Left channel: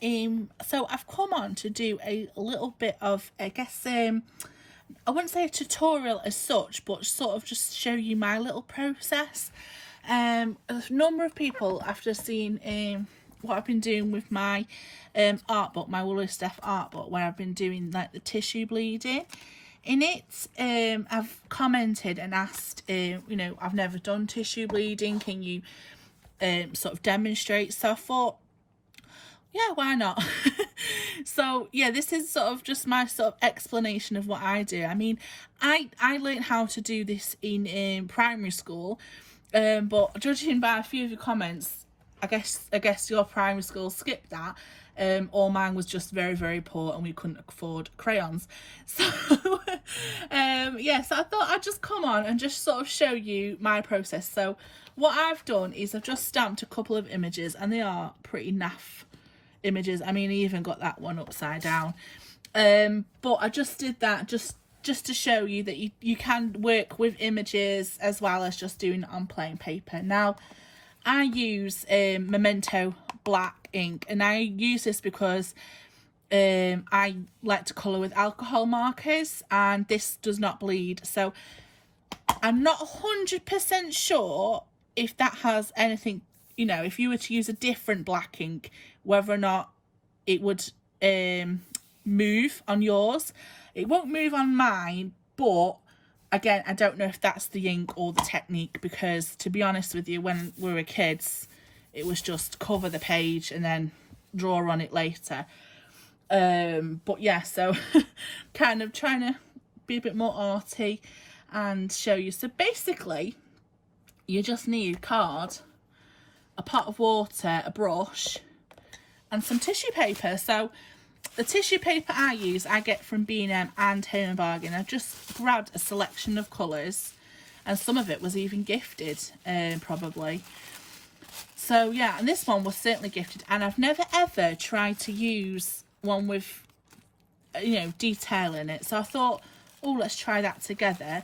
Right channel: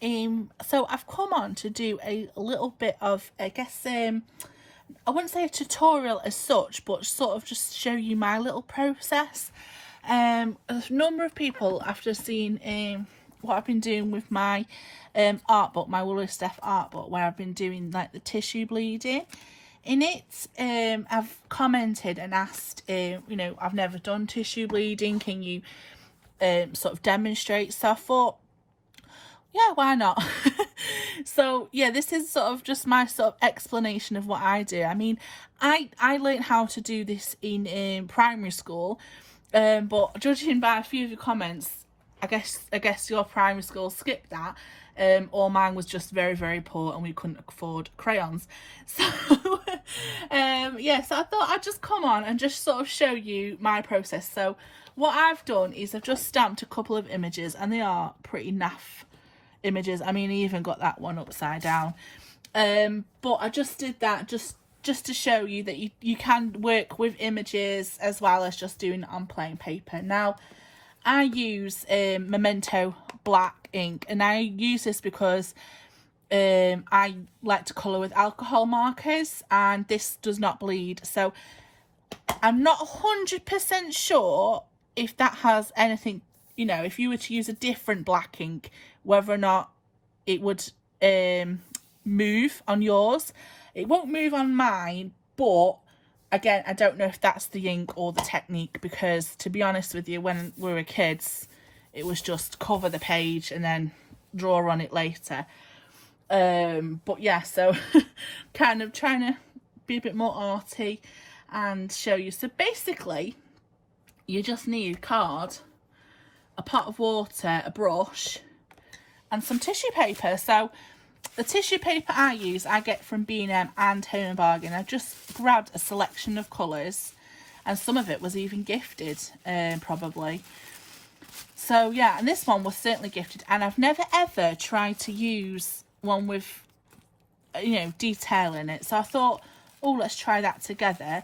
So I've come on to do a little bit of, I guess, I wouldn't say a tutorial as such, but sort of just show you my little process. A number of people, after seeing what I've been doing with my art book, my Woolworths art book, where I've been doing like the tissue bleeding in it, I've commented and asked, I've never done tissue bleeding, can you sort of demonstrate? So I thought, yeah, why not? So yeah, this is sort of just my sort of explanation of what I do. I mean, I learned how to do this in primary school, but judging by a few of the comments, I guess your primary school skipped that, or mine was just very, very poor and we couldn't afford crayons. So yeah, so I thought I'd just come on and just sort of show you my process. So what I've done is I've just stamped a couple of images, and they are pretty naff images. I mean, I even got that one upside down, but I just did that just to show you that you can work with images as well as just doing it on plain paper. Now I use Memento black ink, and I use this because I like to colour with alcohol markers, and this does not bleed. So I'm not 100% sure if that has anything, if you were to use a different black ink, whether or not it would move on yours. It won't move on mine, but again, I don't know if that's the ink or the technique, because to be honest with you, when we were kids, it was just cover the page and then draw on it later. But yeah, so kind of trying to be a bit more arty and show you. So basically, you just need card, a pot of water, a brush, and some tissue paper. So the tissue paper I use, I get from B&M and Home and Bargain. I've just grabbed a selection of colours, and some of it was even gifted, probably. So yeah, and this one was certainly gifted, and I've never ever tried to use one with, detail in it. So I thought, oh, let's try that together.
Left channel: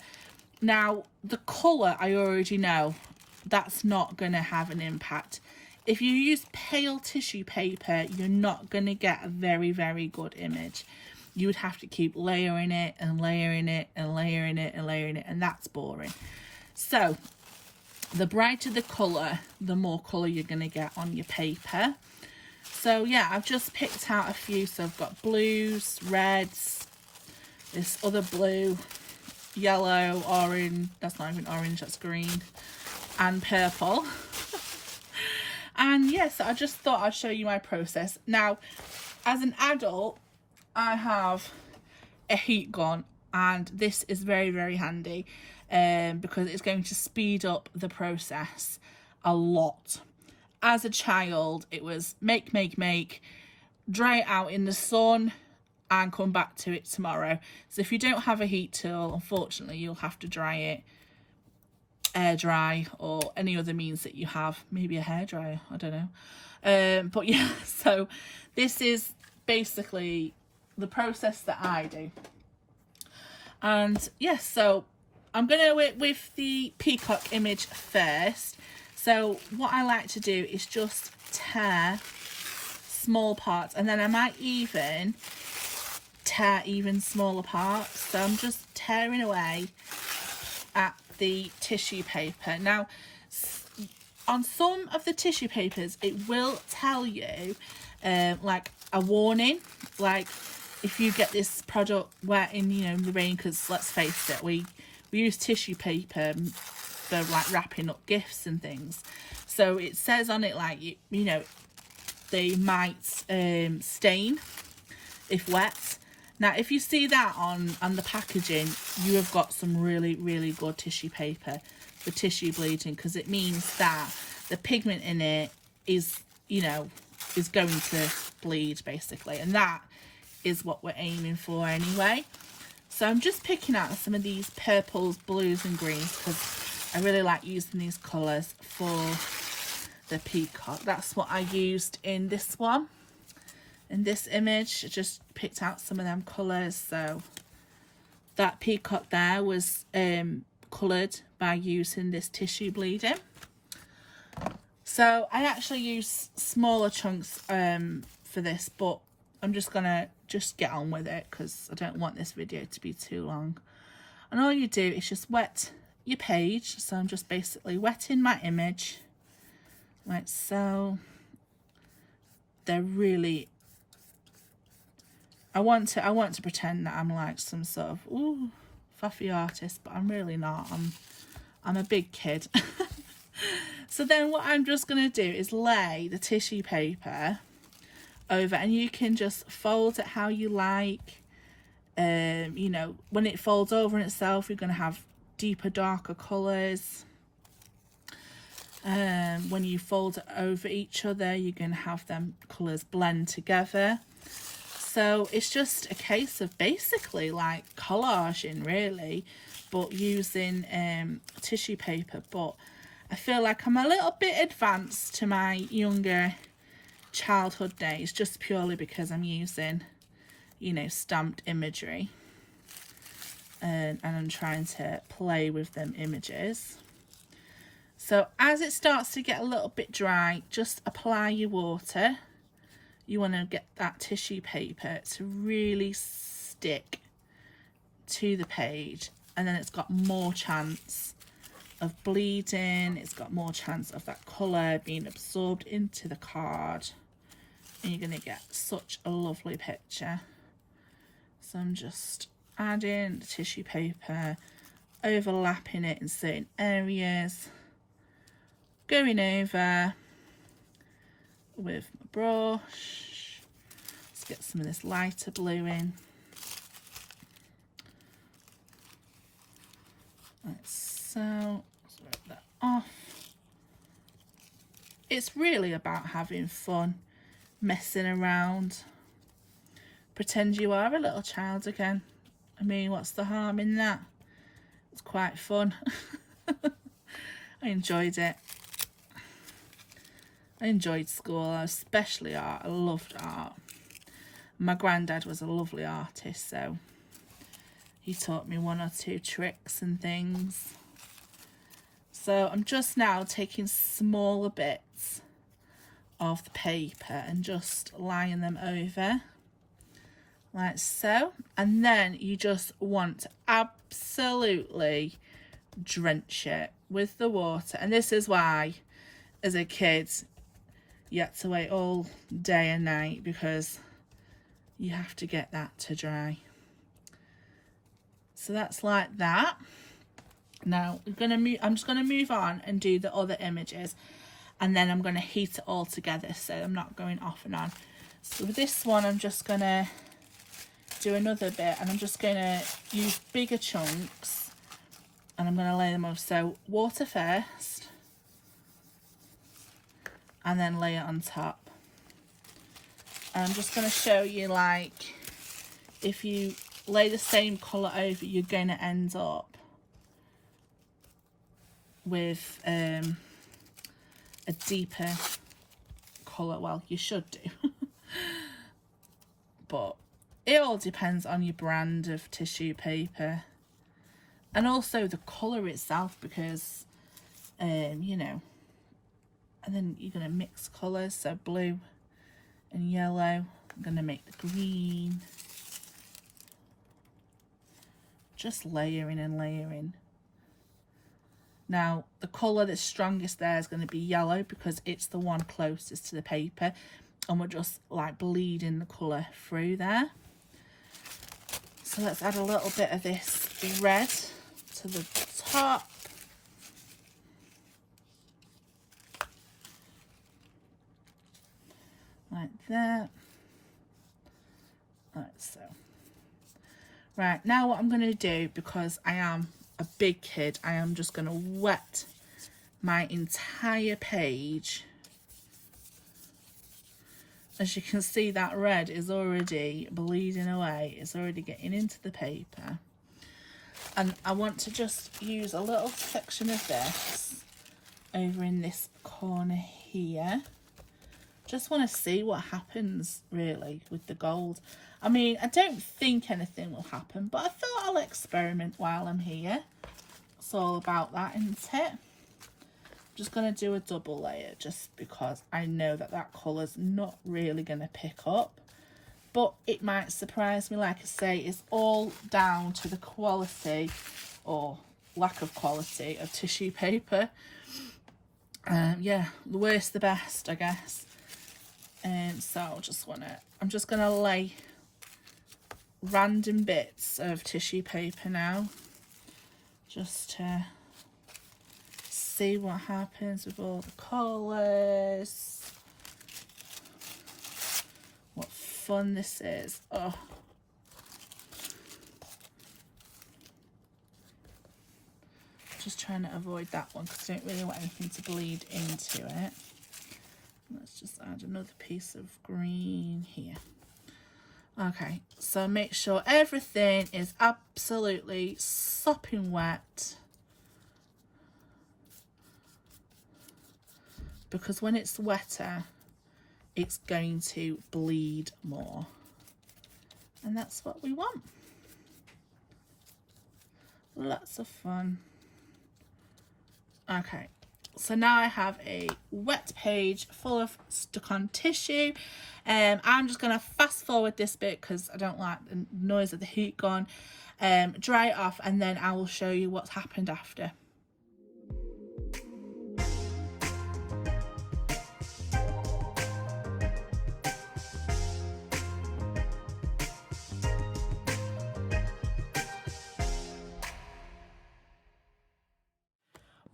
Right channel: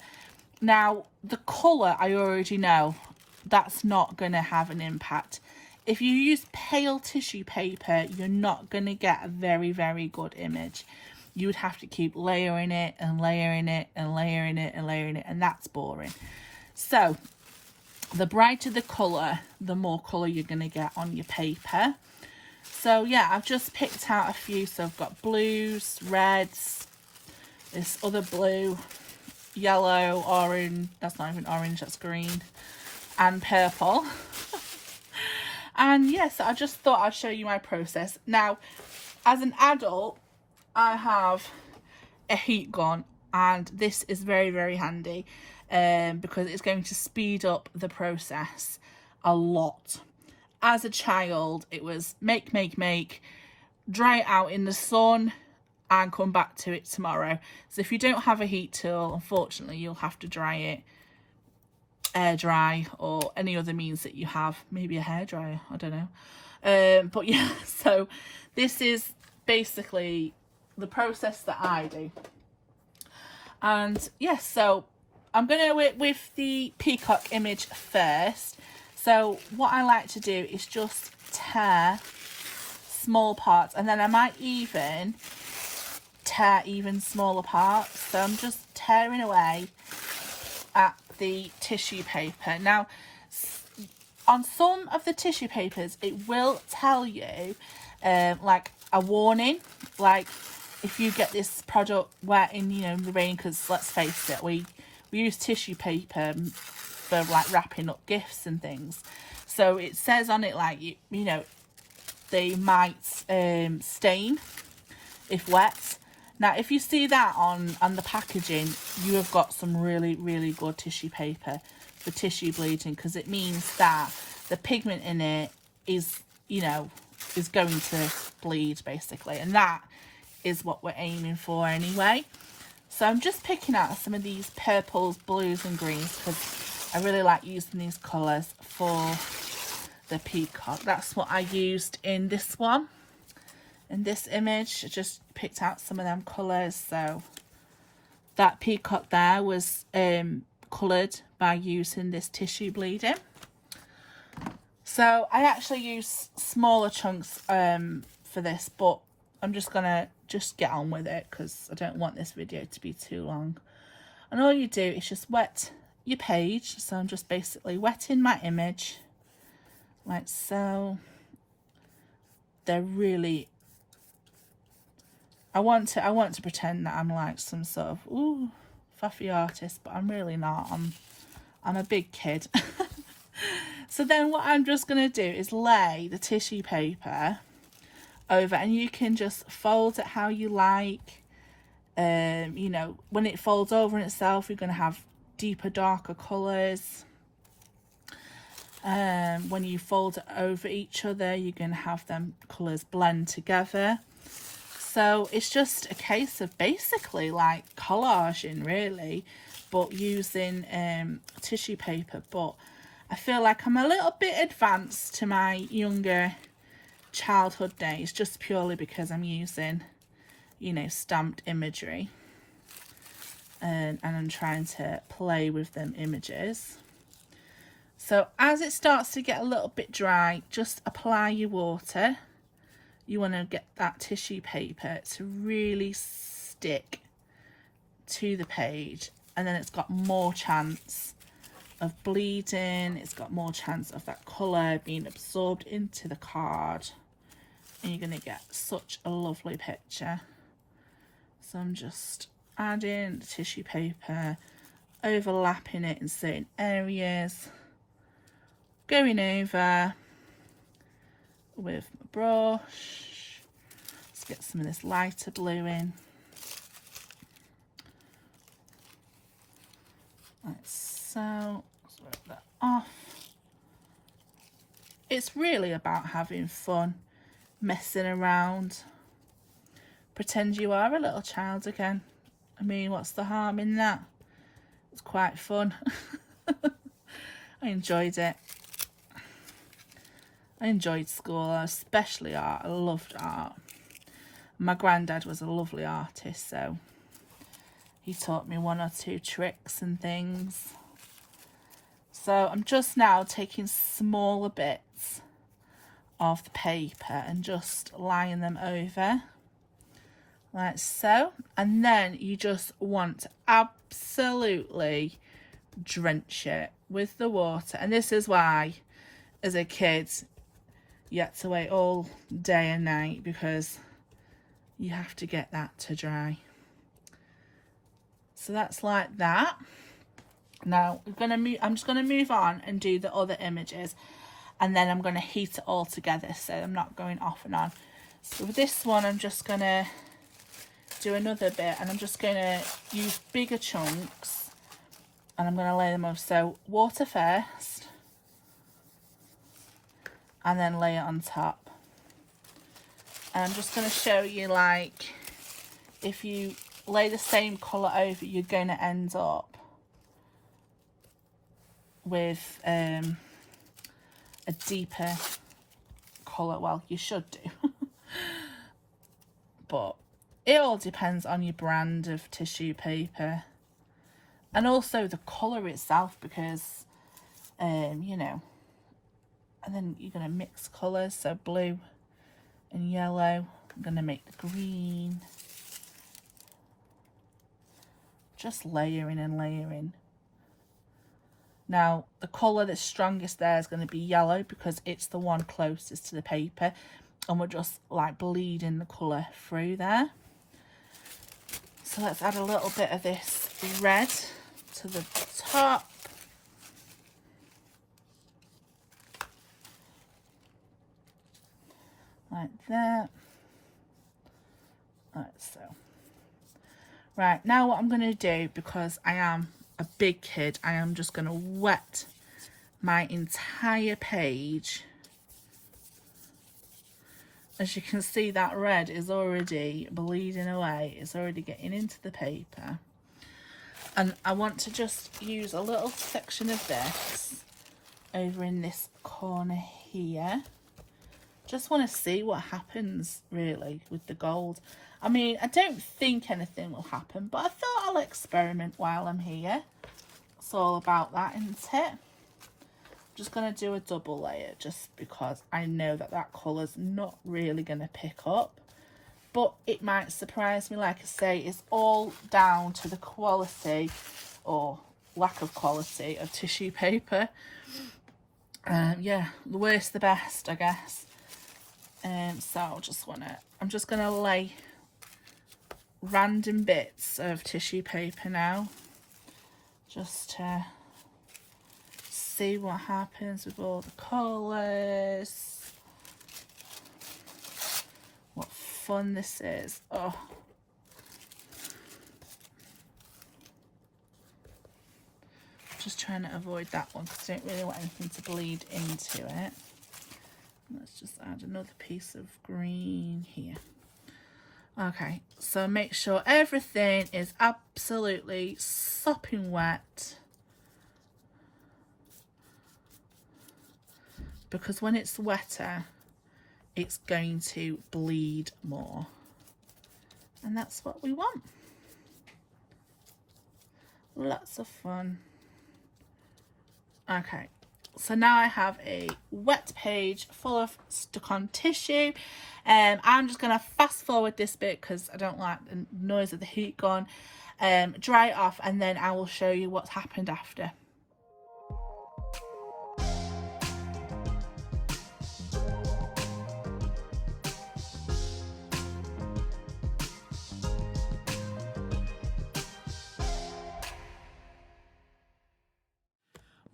Now, the colour I already know, that's not going to have an impact. If you use pale tissue paper, you're not going to get a very, very good image. You would have to keep layering it and layering it and layering it and layering it, and that's boring. So the brighter the colour, the more colour you're going to get on your paper. So yeah, I've just picked out a few. So I've got blues, reds, this other blue, yellow, orange, that's not even orange, that's green, and purple. And yeah, so I just thought I'd show you my process. Now, as an adult, I have a heat gun, and this is very, very handy because it's going to speed up the process a lot. As a child, it was make, dry it out in the sun and come back to it tomorrow. So if you don't have a heat tool, unfortunately, you'll have to dry it air dry, or any other means that you have, maybe a hairdryer, I don't know. But yeah, so this is basically the process that I do. And yes, so I'm gonna work with the peacock image first. So what I like to do is just tear small parts, and then I might even tear even smaller parts. So I'm just tearing away at the tissue paper. Now, on some of the tissue papers, it will tell you like a warning, like if you get this product wet in the rain, because let's face it, we use tissue paper for like wrapping up gifts and things. So it says on it like they might stain if wet. Now, if you see that on the packaging, you have got some really, really good tissue paper for tissue bleeding, because it means that the pigment in it is going to bleed, basically. And that is what we're aiming for anyway. So I'm just picking out some of these purples, blues and greens, because I really like using these colours for the peacock. That's what I used in this one. In this image, I just picked out some of them colours. So that peacock there was coloured by using this tissue bleeding. So I actually use smaller chunks for this, but I'm just gonna get on with it because I don't want this video to be too long. And all you do is just wet your page. So I'm just basically wetting my image like so. They're really, I want to pretend that I'm like some sort of faffy artist, but I'm really not. I'm a big kid. So then what I'm just going to do is lay the tissue paper over, and you can just fold it how you like. You know, when it folds over in itself, you're going to have deeper, darker colours. When you fold it over each other, you're going to have them colours blend together. So it's just a case of basically like collaging really, but using tissue paper. But I feel like I'm a little bit advanced to my younger childhood days, just purely because I'm using, you know, stamped imagery, and I'm trying to play with them images. So as it starts to get a little bit dry, just apply your water. You want to get that tissue paper to really stick to the page, and then it's got more chance of bleeding, it's got more chance of that colour being absorbed into the card, and you're going to get such a lovely picture. So I'm just adding the tissue paper, overlapping it in certain areas, going over with my brush. Let's get some of this lighter blue in. Like so. Rip that off. It's really about having fun, messing around. Pretend you are a little child again. I mean, what's the harm in that? It's quite fun. I enjoyed it. I enjoyed school, especially art. I loved art. My granddad was a lovely artist, so he taught me one or two tricks and things. So I'm just now taking smaller bits of the paper and just laying them over like so. And then you just want to absolutely drench it with the water. And this is why, as a kid, you had to wait all day and night, because you have to get that to dry. So that's like that. Now I'm just gonna move on and do the other images, and then I'm gonna heat it all together, so I'm not going off and on. So with this one, I'm just gonna do another bit, and I'm just gonna use bigger chunks, and I'm gonna lay them off. So water first, and then lay it on top. And I'm just gonna show you, like, if you lay the same colour over, you're gonna end up with a deeper colour. Well, you should do. But it all depends on your brand of tissue paper, and also the colour itself, because you know. And then you're going to mix colours, so blue and yellow. I'm going to make the green. Just layering and layering. Now, the colour that's strongest there is going to be yellow, because it's the one closest to the paper, and we're just like bleeding the colour through there. So let's add a little bit of this red to the top. Like that. Like so. Right, now what I'm going to do, because I am a big kid, I am just going to wet my entire page. As you can see, that red is already bleeding away. It's already getting into the paper. And I want to just use a little section of this over in this corner here. Just want to see what happens really with the gold. I mean, I don't think anything will happen, but I thought I'll experiment while I'm here. It's all about that, isn't it? just going to do a double layer just because I know that that colour's not really going to pick up. But it might surprise me. Like I say, it's all down to the quality or lack of quality of tissue paper. Yeah, the worst the best, I guess. So I'm just gonna lay random bits of tissue paper now, just to see what happens with all the colours. What fun this is. Oh, just trying to avoid that one because I don't really want anything to bleed into it. Let's just add another piece of green here. Okay, so make sure everything is absolutely sopping wet, because when it's wetter it's going to bleed more, and that's what we want. Lots of fun. Okay, so now I have a wet page full of stuck on tissue. I'm just going to fast forward this bit because I don't like the noise of the heat gun. Dry it off and then I will show you what's happened after.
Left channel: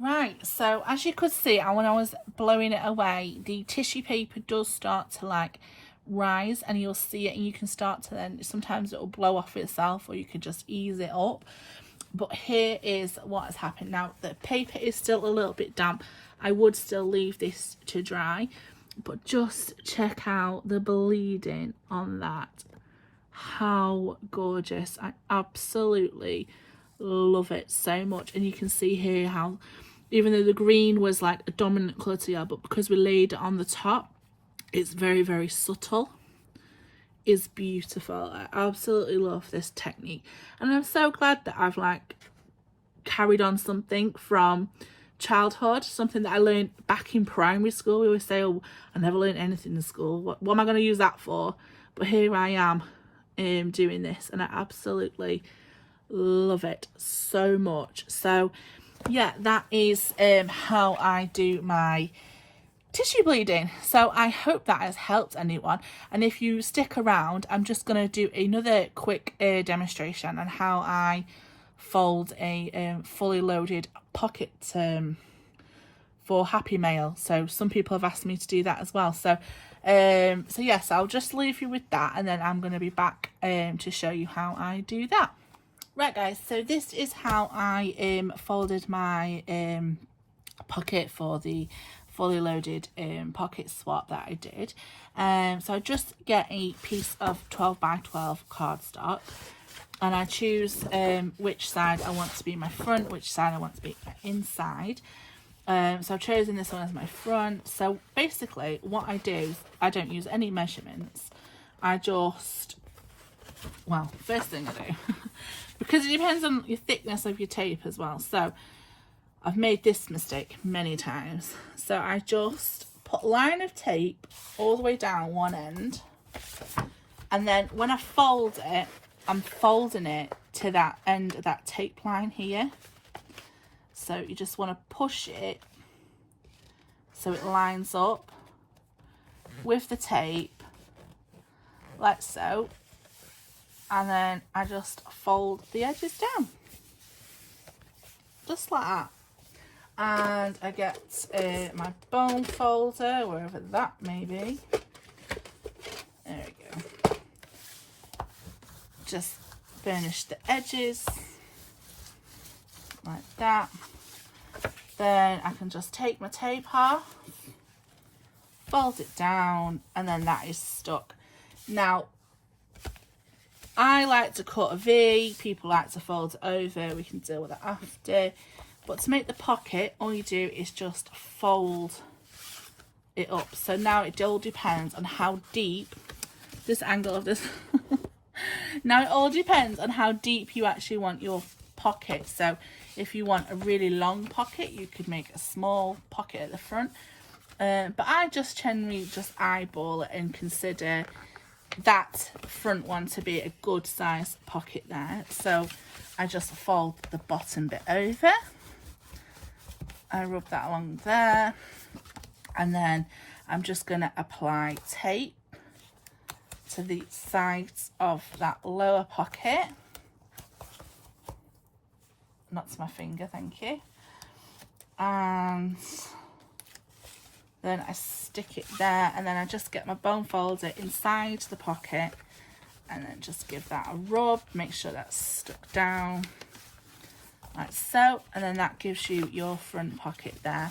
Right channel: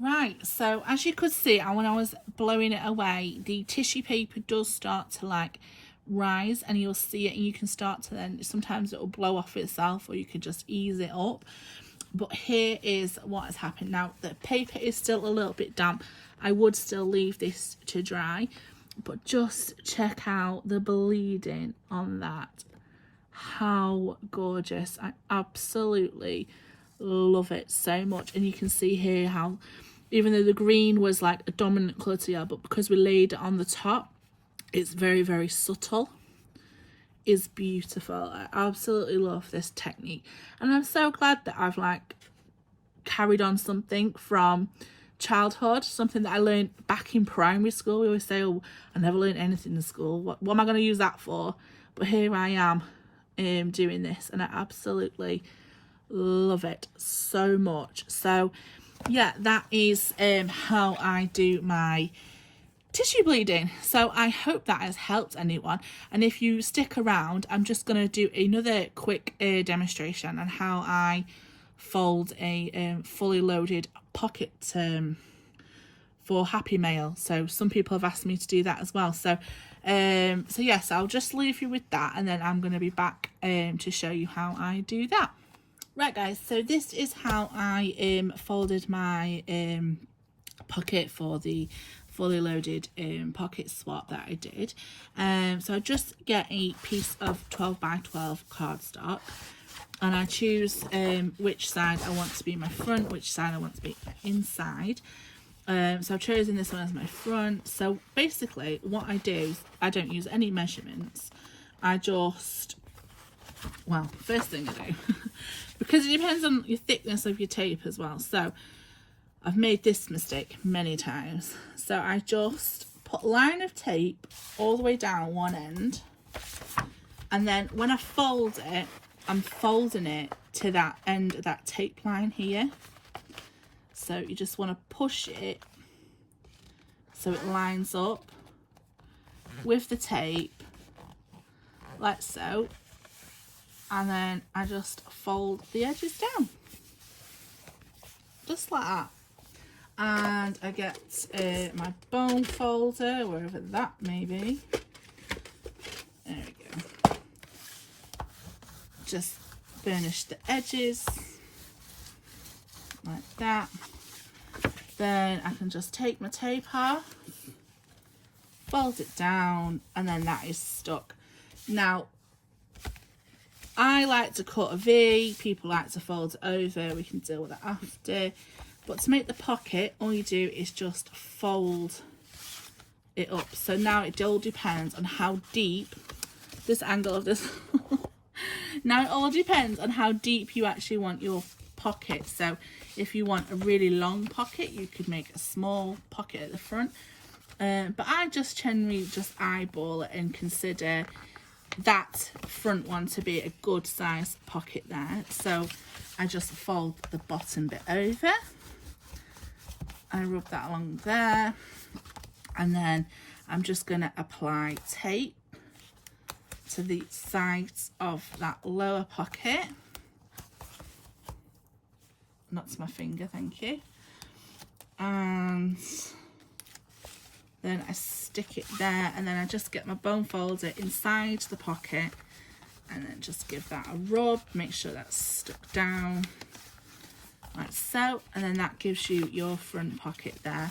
Right, so as you could see, when I was blowing it away, the tissue paper does start to like rise, and you'll see it, and you can start to then, sometimes it will blow off itself, or you can just ease it up. But here is what has happened. Now the paper is still a little bit damp. I would still leave this to dry, but just check out the bleeding on that. How gorgeous. I absolutely love it so much. And you can see here how, even though the green was like a dominant colour to you, but because we laid it on the top, it's very, very subtle. It's beautiful. I absolutely love this technique, and I'm so glad that I've like carried on something from childhood, something that I learned back in primary school. We always say, oh, I never learned anything in school, what am I going to use that for? But here I am doing this, and I absolutely love it so much. So yeah, that is how I do my tissue bleeding. So I hope that has helped anyone, and if you stick around, I'm just going to do another quick demonstration on how I fold a fully loaded pocket for Happy Mail. So some people have asked me to do that as well. So yes, I'll just leave you with that, and then I'm going to be back to show you how I do that. Right guys, so this is how I folded my pocket for the fully loaded pocket swap that I did. So I just get a piece of 12 by 12 cardstock, and I choose which side I want to be my front, which side I want to be inside. So I've chosen this one as my front. So basically what I do is I don't use any measurements. I just, well, first thing I do because it depends on your thickness of your tape as well. So I've made this mistake many times. So I just put a line of tape all the way down one end, and then when I fold it, I'm folding it to that end of that tape line here. So you just want to push it so it lines up with the tape, like so. And then I just fold the edges down, just like that. And I get my bone folder, wherever that may be. There we go. Just finish the edges like that. Then I can just take my tape off, fold it down, and then that is stuck. Now, I like to cut a V, people like to fold it over, we can deal with it after. But to make the pocket, all you do is just fold it up. So now it all depends on how deep, this angle of this, now it all depends on how deep you actually want your pocket. So If you want a really long pocket, you could make a small pocket at the front. But I just generally just eyeball it and consider that front one to be a good size pocket there. So I just fold the bottom bit over. I rub that along there. And then I'm just going to apply tape to the sides of that lower pocket. That's my finger, thank you. And then I stick it there, and then I just get my bone folder inside the pocket and then just give that a rub, make sure that's stuck down like so, and then that gives you your front pocket there.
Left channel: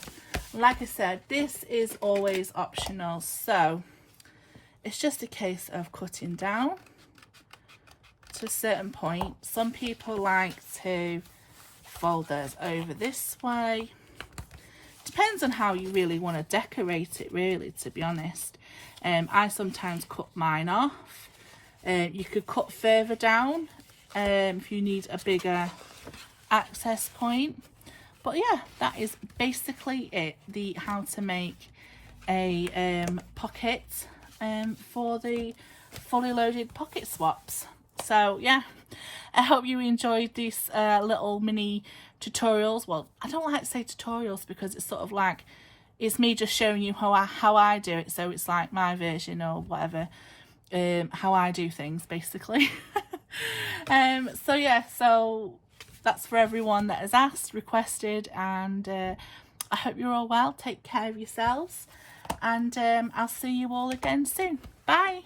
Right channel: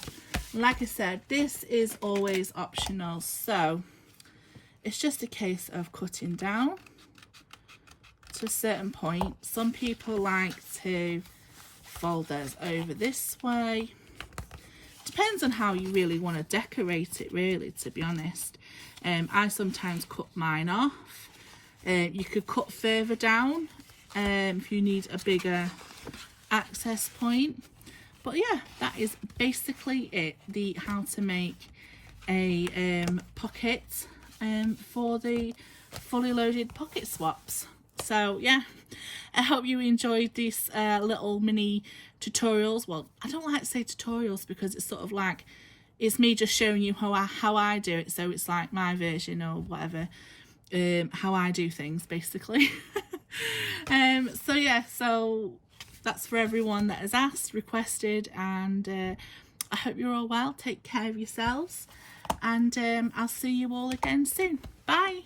Like I said, this is always optional, so it's just a case of cutting down to a certain point. Some people like to fold theirs over this way. Depends on how you really want to decorate it, really, to be honest. I sometimes cut mine off. You could cut further down if you need a bigger access point. But yeah, that is basically it, the how to make a pocket for the fully loaded pocket swaps. So yeah, I hope you enjoyed these little mini tutorials. Well, I don't like to say tutorials because it's sort of like it's me just showing you how I do it, so it's like my version or whatever, how I do things basically. So yeah, so that's for everyone that has asked, requested, and I hope you're all well. Take care of yourselves, and I'll see you all again soon. Bye.